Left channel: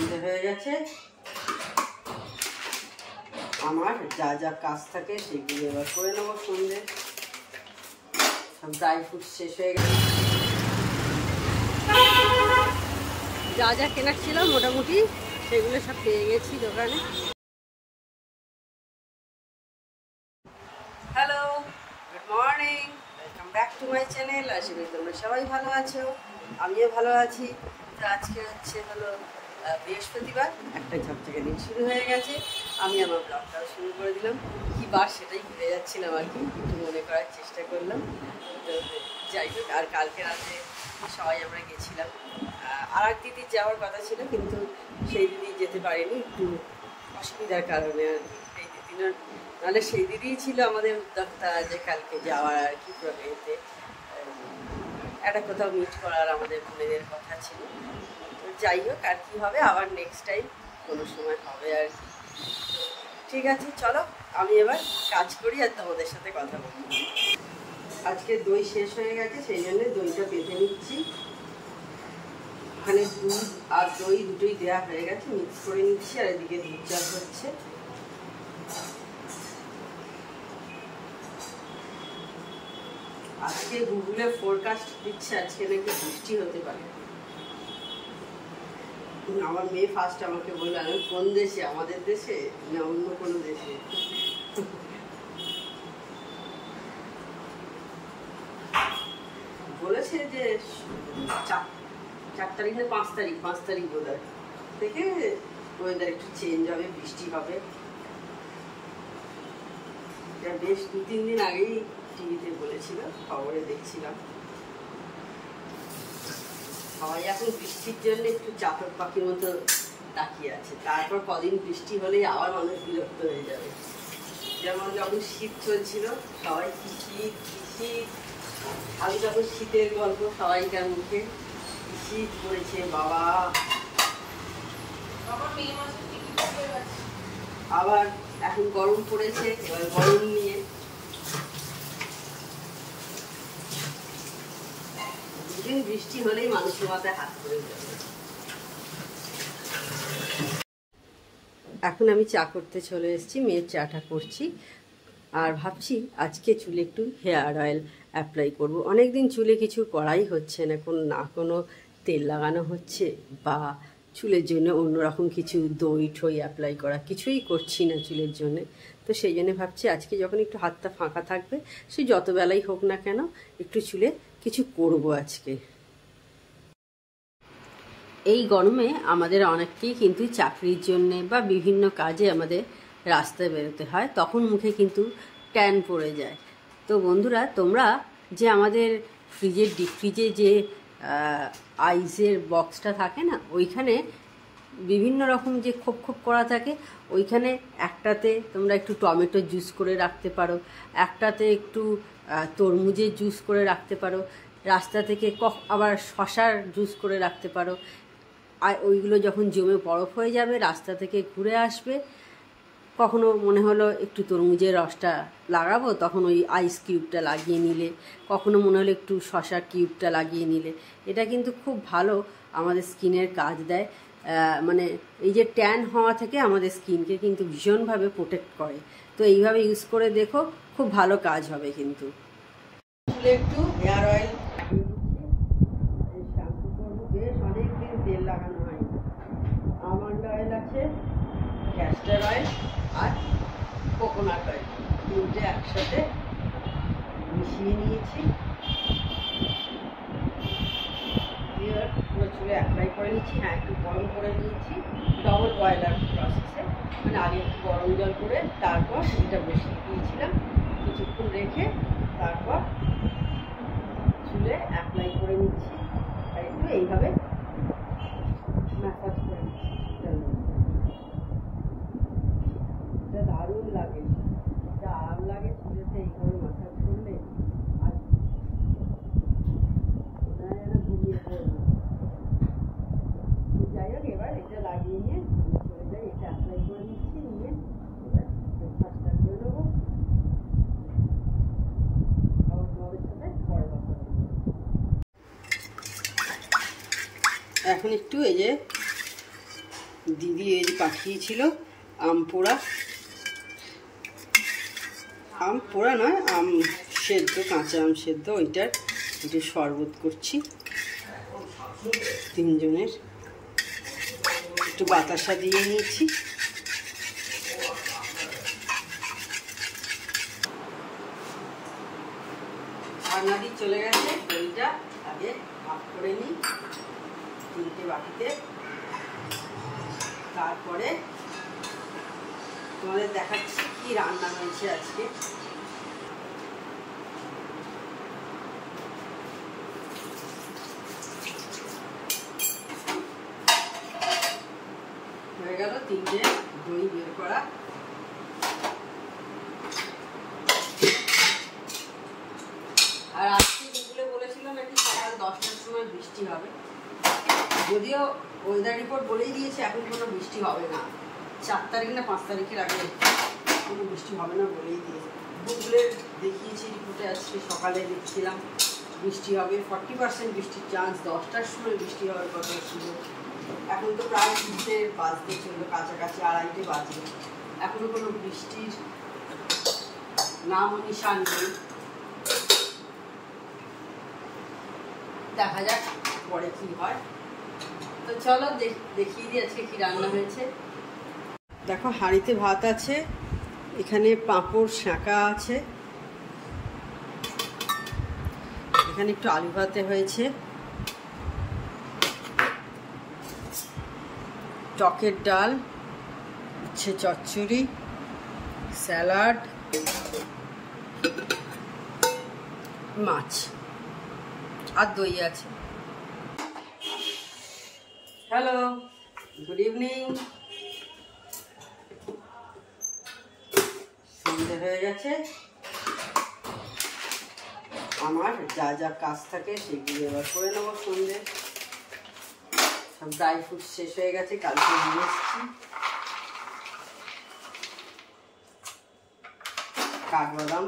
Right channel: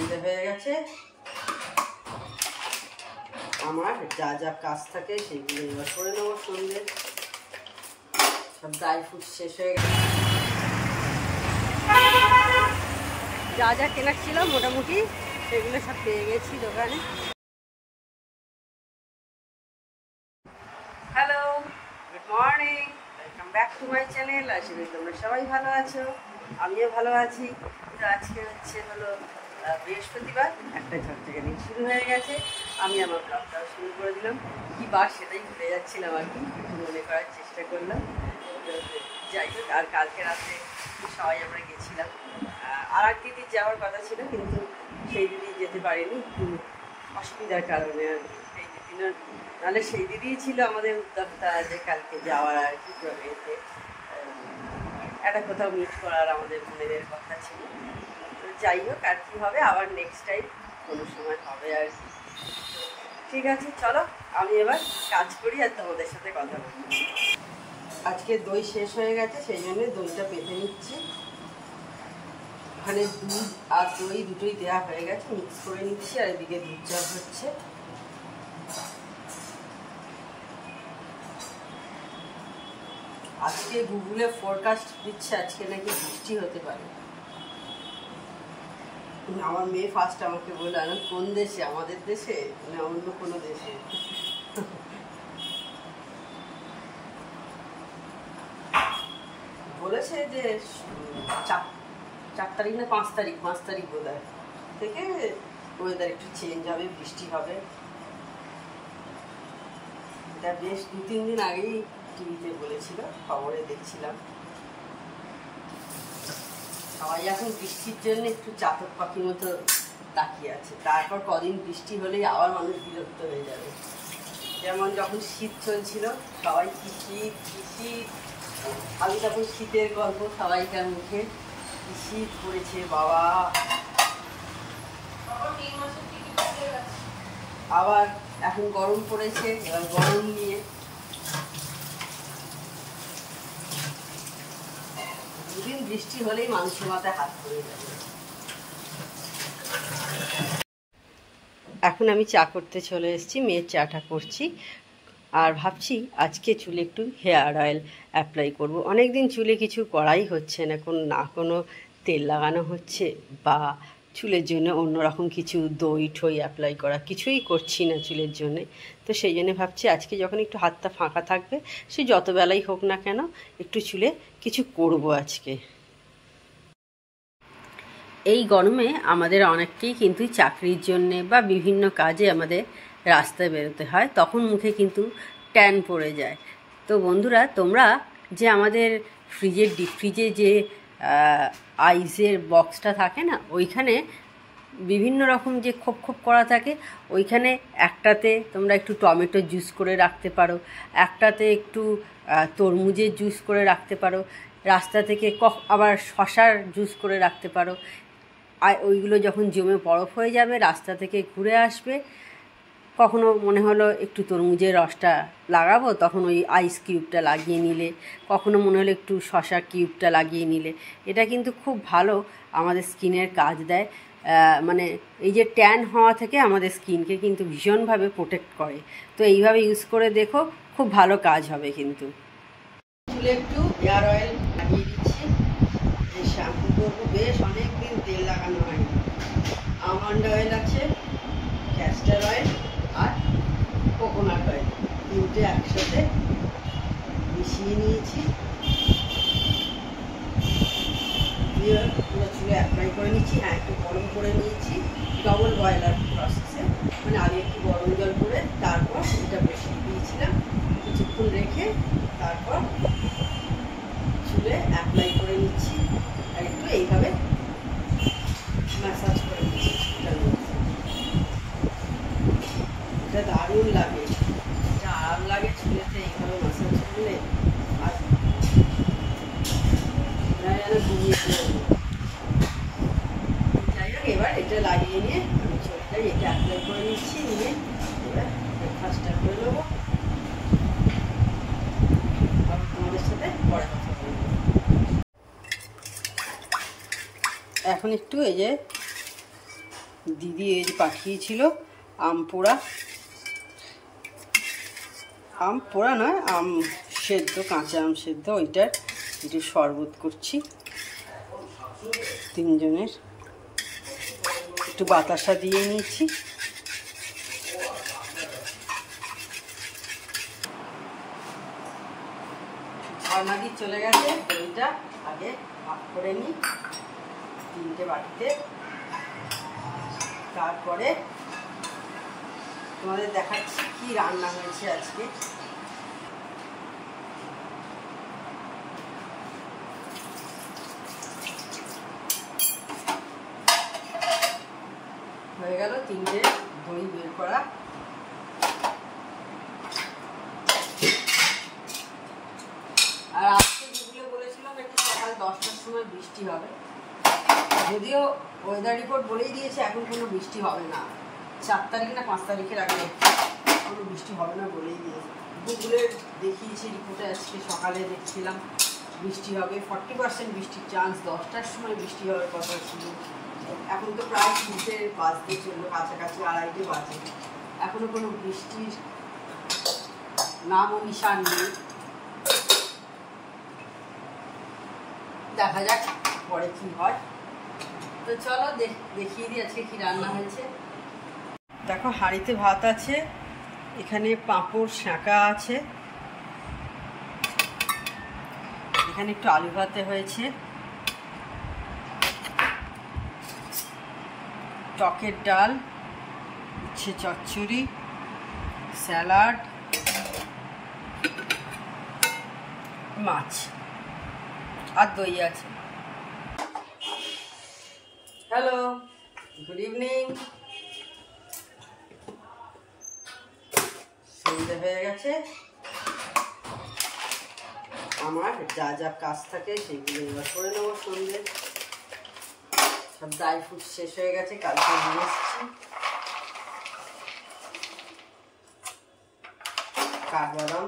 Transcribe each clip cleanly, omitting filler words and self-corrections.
সন্ধে হয়ে গেছে। আমার যা যা কাজ থাকে সেগুলো এবার করে নেবো। সন্ধে সব ড্রাই ফ্রুট শেষ হয়ে গেছে, যা যা কেনার ছিল মোটামুটি সেগুলো সব পেয়ে গেছি দোকানে। Hello, good morning, welcome back to my channel. আশা করি তোমরা সবাই ভালো আছো, আমিও ভালো আছি। তো আজকে হলো বৃহস্পতিবার, একটা ঝকঝকে দিন শুরু হয়ে গেছে। আমি আমার ব্লগটাও শুরু করে দিলাম। কী বার সেটাই ভুলে যাচ্ছিলাম আর কি, একটু মনে করার চেষ্টা করলাম। তো যাই হোক, আর কালকে রাতে সবাই আমরা গেছিলাম। আর এক দিদির যাওয়ার কথা ছিল, কিন্তু সেই দিদি যেতে পারিনি একটু অসুবিধার কারণে আর কি। সেই দিদি নাহলে সেই দিদিই ছিল আমাদের উদ্যোক্তা যে কালকে যাওয়ার আর কি। এতে একটা কোথাও মিট করার আমাদের বোনেদের কথা ছিল। তো যাই হোক, আর কি হবে, আবার নেক্সট টাইম কোনো সময় হবে আর কি। ঠিক আছে, চলো আমি এবার কাজ করি আর তোমাদের সাথে কথা বলি। আজকে দই শেষ হয়ে গেছে, সেই জন্য দইটা বেঁধে নিচ্ছি। ওখানে দুধ আর দই দুটোই দেওয়া হয়ে গেছে, মিক্স করে নিচ্ছি। আর এদিকে দুধ চাষ হচ্ছে। আজকে গুগলে ফোরকাস্ট দিচ্ছে আজকে নাকি বৃষ্টি হতে পারে। আমার মেয়ে ফার্স্ট আমাকে বলল, আমি কোন দেশে, আমাদের দেশে না অন্য কোনো দেশে। বলেছে যে 4 তারিখ না 5 তারিখ বোধ হয় থেকে ওয়েদার একটু চেঞ্জ হবে, বৃষ্টি হবে। এটা বেশ 2-3 দিন আগেই টিভিতে বলেছিল, খবরে দেখছিলাম। সবাই এখন বৃষ্টির জন্য একটু চাতক পাখির মতো তাকিয়ে আছে। তারপর কদিন বৃষ্টি হলেই আবার মানুষ বিরক্ত হয়ে যাবে। যেমন যখন শীত চলছিল, সবাই কি শীত, আমি যখন শীতের গল্প সবাইকার মুখে, শীত পড়েছে বাবা। আবার এখন গরম পড়েছে, এবার গরম নিয়ে দুদিন বৃষ্টি হলেই মানুষের মাথায় হাত পড়ে যাবে। এখন আমি চা করতে চলে এসেছি, মেয়ের চাটা করছি। আর ভাবছি আজকে চুলে একটু হেয়ার অয়েল অ্যাপ্লাই করব। অনেক দিন চুলে কিছু করাই হচ্ছে না, কোনো তেল লাগানো হচ্ছে বা চুলের জন্য অন্যরকম কিছু দই ঠই অ্যাপ্লাই করা কিছুই করছি না চুলের জন্যে। তো সেই জন্য ভাবছি আজকে যখন একটু হাতটা ফাঁকা থাকবে, সে যত বেলাই হোক না কেন, একটু চুলে কিছু করব আজকে। এই গরমে আমাদের অনেককেই কিন্তু চাকরির জন্যে বা বিভিন্ন কাজে আমাদের রাস্তায় বেরোতে হয়, তখন মুখে কিন্তু ট্যান পড়ে যায়। তো বন্ধুরা, তোমরা যে আমাদের ডিপ ফ্রিজে যে আইসের বক্সটা থাকে না, ওইখানে বিভিন্ন রকম যে খোপ করা থাকে, ওইখানে একটাতে তোমরা একটু টমেটো জুস করে রাখতে পারো, একটাতে একটু তরমুজের জুস করে রাখতে পারো, রাস্তা থেকে আবার শশার জুস করে রাখতে পারো। আর ওইগুলো যখন জমে বরফ হয়ে যাবে, রাস্তা থেকে ঘুরে আসবে, কখনো মনে হলো একটু তরমুজের রসটা লাগাবো, তখন ওই আইস কিউবটা লাগিয়ে নিলে, কখনো মনে হলো একটু শশা কিউবটা লাগিয়ে নিলে। এটা কিন্তু খুব ভালো আমাদের স্কিনের কাজ দেয়। মানে এই যে ট্যান হওয়া থেকে আমাদের স্কিনকে কিন্তু ভীষণভাবে প্রোটেক্ট করে। তো এইভাবে ইউজ করে দেখো, খুব ভালো কাজ হবে কিন্তু। চুলে একটু হেয়ার অয়েল লাগিয়ে দিচ্ছি। এই শ্যাম্পু করবো, বেশ অনেকদিন তেল লাগানো হয়নি। আমন্ড অয়েল আছে, ক্যাস্টার অয়েল আর কোকোনাট অয়েল, তিনটে একসাথে মিশিয়ে নিয়েছি। দিয়ে পুরো চুলে অ্যাপ্লাই করে নিচ্ছি। হ্যাঁ, একটু গরম করে নিয়েছি, ডবল বয়লার প্রসেসে, মানে আগে একটু গরম জল করে তারপর এটা বসিয়ে দিয়েছিলাম। কিছুক্ষণ রেখে তারপর চুলে অ্যাপ্লাই করে নিচ্ছি। আর একটু এইভাবে ম্যাসাজ করে নিচ্ছি চুলটার মধ্যে। এটা দারুণ লাগে, যা আরাম লাগে চুলেতে এইভাবে ম্যাসাজ করলে। আর যেন ঘুমিয়ে পড়বে। যাই হোক, এবার এটা লাগিয়ে নিয়ে আমি চলে যাই। এটা অ্যাপ্লাই করে নিচ্ছি, নিয়ে এবার ব্রেকফাস্টটা করে নেবো। আবার তোমাদের সাথে পরে কথা বলবো। এখন একটু এই যে দিদি এই যে পাঠিয়েছিল আম পোড়া, আম পোড়া নয়, আম সেদ্ধ, কাঁচা আম সেদ্ধ, ওইটার একটু শরবত করছি তিনজনের। একটু বাতাসা দিয়ে নিয়েছি। ঝর্ণা দিয়ে চলে গেছে, দইটা আগে ভাগ করে নিই 3টে বাটিতে, তারপরে তোমাদের দেখাচ্ছি কি রান্না হয়েছে আজকে। হয়ে গেল 3টে দই বের করা। আর আজকে যেগুলো বলেছিলাম নাকি সকাল 10টার সময় বৃষ্টি হবে, যদিও ওয়েদার রিপোর্ট বলেই দিয়েছে এখন কোনো বৃষ্টি হবে না, 4 তারিখ না 5 তারিখের আগে কোনো বৃষ্টি হবে না বলেই দিয়েছে। গুগলের দেখিয়েছি রিপোর্টে, আজকে সকালে দেখছিলাম বৃষ্টি হবে, 40% বৃষ্টির চান্স, 10টার সময় বৃষ্টি হবে কথা ছিল। এখন তো প্রায় 3টে বাজতে চললো, কাছাকাছি 2:30 বাজে, এখনো কোনো বৃষ্টির নাম ও নিশান নেই। দেখা যাক পরে কি হয়। তো চলো দেখিয়ে দিই আজকে কি রান্না হয়েছে। দেখো হাঁড়িতে ভাত আছে, এখানে পাঁপড় শাঁকা আছে, এখানে একটু আলু ভাতে হয়েছে, টকের ডাল, উচ্ছে চচ্চড়ি, স্যালাড, মাছ আর দই আছে। Hello, good evening. সন্ধ্যে হয়ে গেছে, আমার যা যা কাজ থাকে সেগুলো এবার করে নেবো। সন্ধ্যে সব ড্রাই ফ্রুট শেষ হয়ে গেছে, কালকে নিয়ে এসেছি। কাঠবাদাম,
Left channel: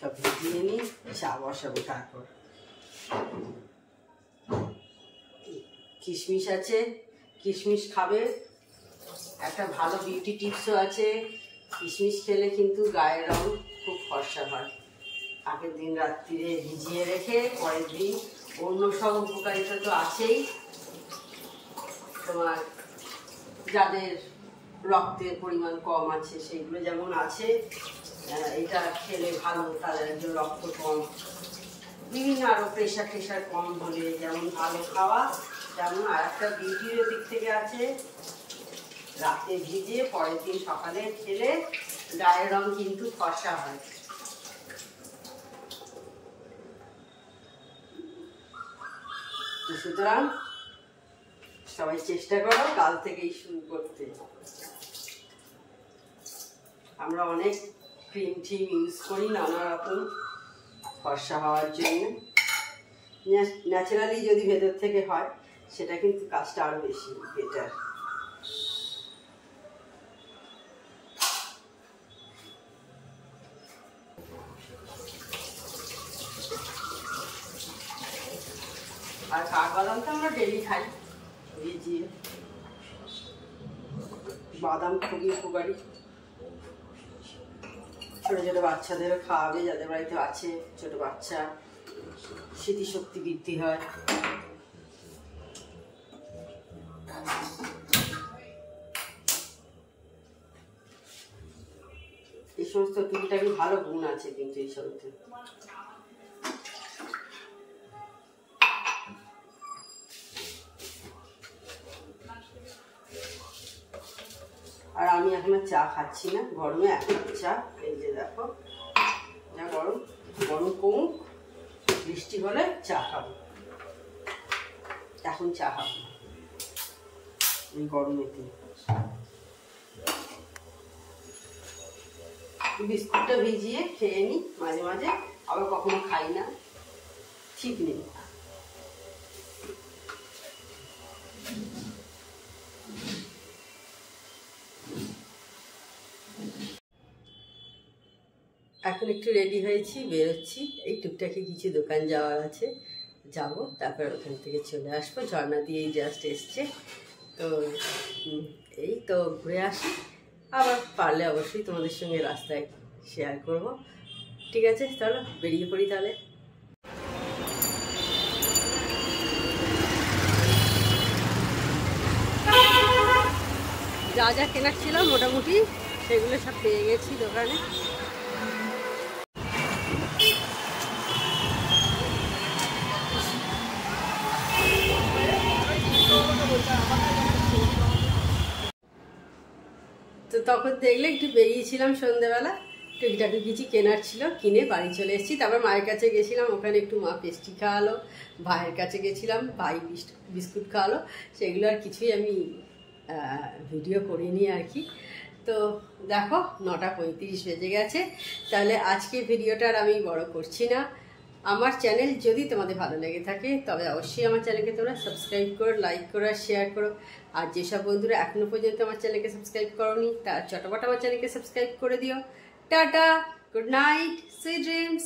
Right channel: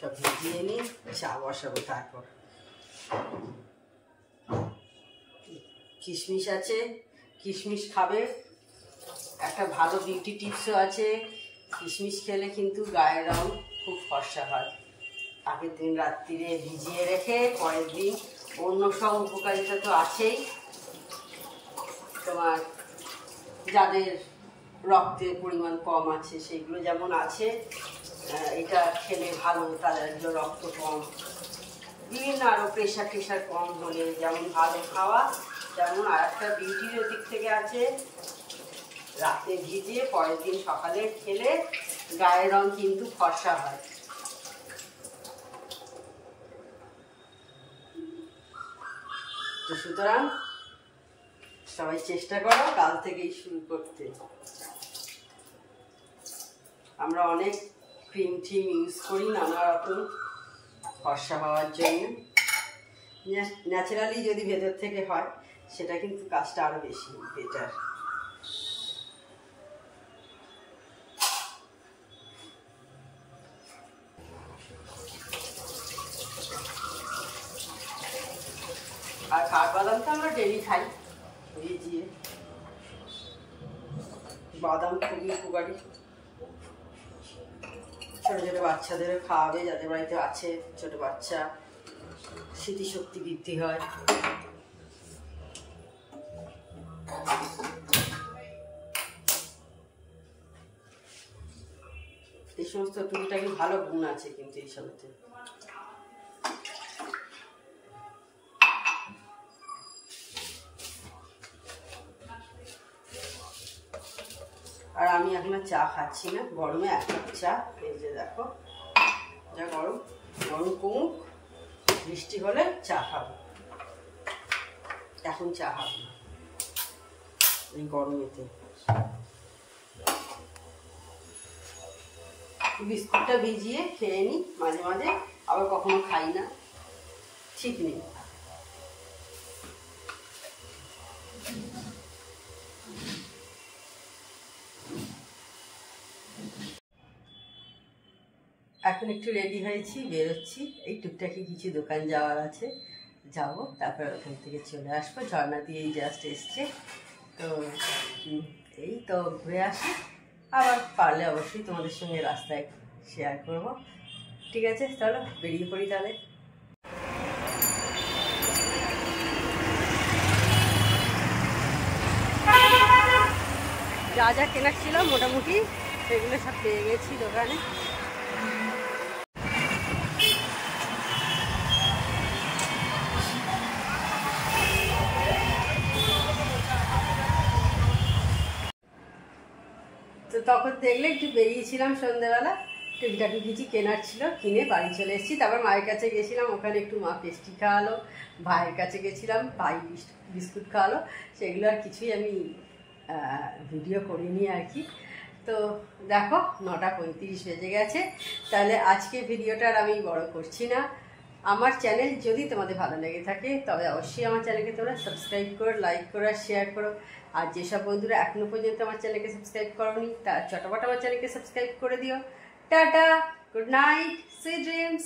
সব ভিজিয়ে নিয়ে চা বসাবো। তারপর কিশমিশ আছে, কিশমিশ খাবে, একটা ভালো বিউটি টিপসও আছে, কিশমিশ খেলে কিন্তু গায়ের রং খুব ফর্সা হয়। আগের দিন রাত্রিরে ভিজিয়ে রেখে পরের দিন, অন্য সব উপকারিতা তো আছেই, তোমার যাদের রক্তের পরিমাণ কম আছে সেইগুলো যেমন আছে, এটা খেলে ভালো, তাদের রক্ত কম, বিভিন্ন আরও প্রেশার কম হলে যেমন ভালো খাওয়া, তেমন আর একটা বিউটির দিক থেকে আছে, রাতে ভিজিয়ে পরের দিন সকালে খেলে গায়ের রং কিন্তু ফর্সা হয়। তো সুতরাং সবাই চেষ্টা করো কাল থেকেই শুরু করতে। আমরা অনেক ক্রিম টিম ইউজ করি নানা রকম ফর্সা হওয়ার জন্য, ন্যাচারালি যদি ভেতর থেকে হয় সেটা কিন্তু কাজটা আরো বেশি বেটার। আর কাঠবাদামটা আমরা ডেলি খাই ভিজিয়ে, বাদাম খুবই উপকারী, ছোট ছোট বাচ্চাদের খাওয়াবে যাদের বাড়িতে আছে ছোট বাচ্চা, স্মৃতিশক্তি বৃদ্ধি হয়। এই সমস্ত টুকিটাকি ভালো গুণ আছে কিন্তু এই সবতে। আর আমি এখন চা খাচ্ছি না, গরমে 1 কাপ চা, এই যে দেখো যা গরম, গরম কমুক, বৃষ্টি হলে চা খাবো, এখন চা খাবো না এই গরমেতে। বিস্কুটটা ভিজিয়ে খেয়ে নিই মাঝে মাঝে, আবার কখনো খাই না, ঠিক নেই। এখন একটু রেডি হয়েছি, বেরোচ্ছি। এই টুকটাকি কিছু দোকান যাওয়ার আছে, যাব, তারপর ওখান থেকে চলে আসবো। ঝর্ণা দিয়েই জাস্ট এসছে, তো এই তো ঘুরে আসি। আবার পারলে অবশ্যই তোমাদের সঙ্গে রাস্তায় শেয়ার করব। ঠিক আছে, চলো বেরিয়ে পড়ি তাহলে। যা যা কেনার ছিল মোটামুটি সেগুলো সব পেয়ে গেছি দোকানে। তো তখন দেখলে একটু বেরিয়েছিলাম সন্ধ্যেবেলা, টুকিটাকি কিছু কেনার ছিল, কিনে বাড়ি চলে এসেছি। তারপর মায়ের কাছে গেছিলাম, ওখানে একটু মা পেস্ট্রি খাওয়ালো। ভাইয়ের কাছে গেছিলাম, ভাই বিস্কুট খাওয়ালো। সেগুলো আর কিছুই আমি ভিডিও করিনি আর কি। তো দেখো 9:35 বেজে গেছে। তাহলে আজকে ভিডিওটা আর আমি বড় করছি না। আমার চ্যানেল যদি তোমাদের ভালো লেগে থাকে তবে অবশ্যই আমার চ্যানেলকে তোমরা সাবস্ক্রাইব করো, লাইক করো আর শেয়ার করো। আর যেসব বন্ধুরা এখনও পর্যন্ত আমার চ্যানেলকে সাবস্ক্রাইব করোনি তারা চটপট আমার চ্যানেলকে সাবস্ক্রাইব করে দিও। Tata, good night, sweet dreams.